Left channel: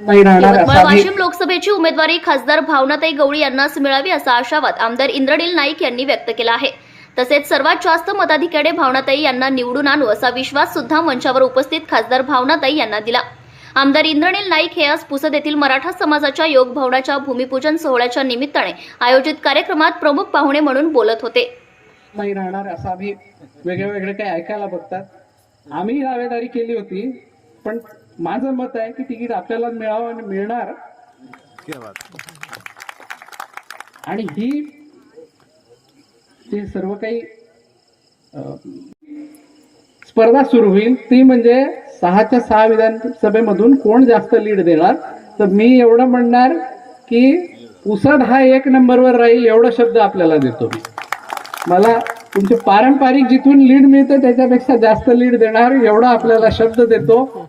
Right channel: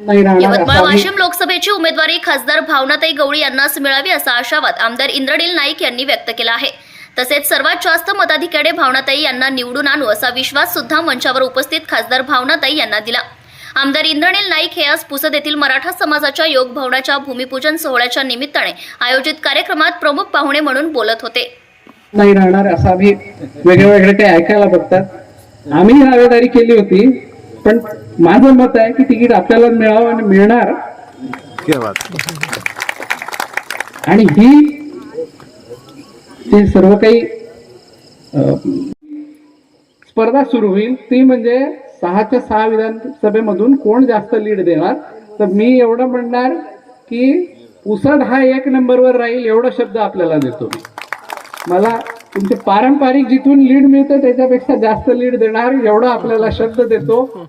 नाही यवतमाळ वाशिम लोकसभेची उमेदवारी खासदार भावनाताई गवळी यांनाच मिळावी असा आशावाद आमदार इंद्रनील नाईक यांनी व्यक्त केला आहे. तसेच सर्वात जास्त मताधिक्याने भावनाताई यांना निवडून आणू असा विश्वास सुद्धा मंचावर उपस्थित खासदार भावनाताई यांना दिला. आमदार इंद्रनील नाईक हे आज पुसद येथील मराठा समाजाच्या योग भवनाच्या भूमिपूजन सोहळ्याच्या निमित्ताने आयोजित कार्यक्रमात प्रमुख पाहुणे म्हणून बोलत होते. नाही राहणार असं आम्ही वेगळे वेगळे काही ऐकायला बघतात. आम्ही दावेदारी केली होती पण माझं मत आहे की तिकीट आपल्याला मिळावं आणि मिळणार. क्या बात. आणि ही ते सर्व काही स्पर्धा सुरू होईल ती म्हणजे सहाच्या सहा विधानसभेमधून कोण जास्त लीड देणार? तर मी एवढं म्हणणार की पुसद हा एक नंबरवर राहील एवढा शब्द आपल्याला देतो मी. मला तुमचे पारंपरिक जिथून लीड मिळतं त्याच्यापेक्षा जास्त लीड देणार एवढा आपल्याला शब्द देतो.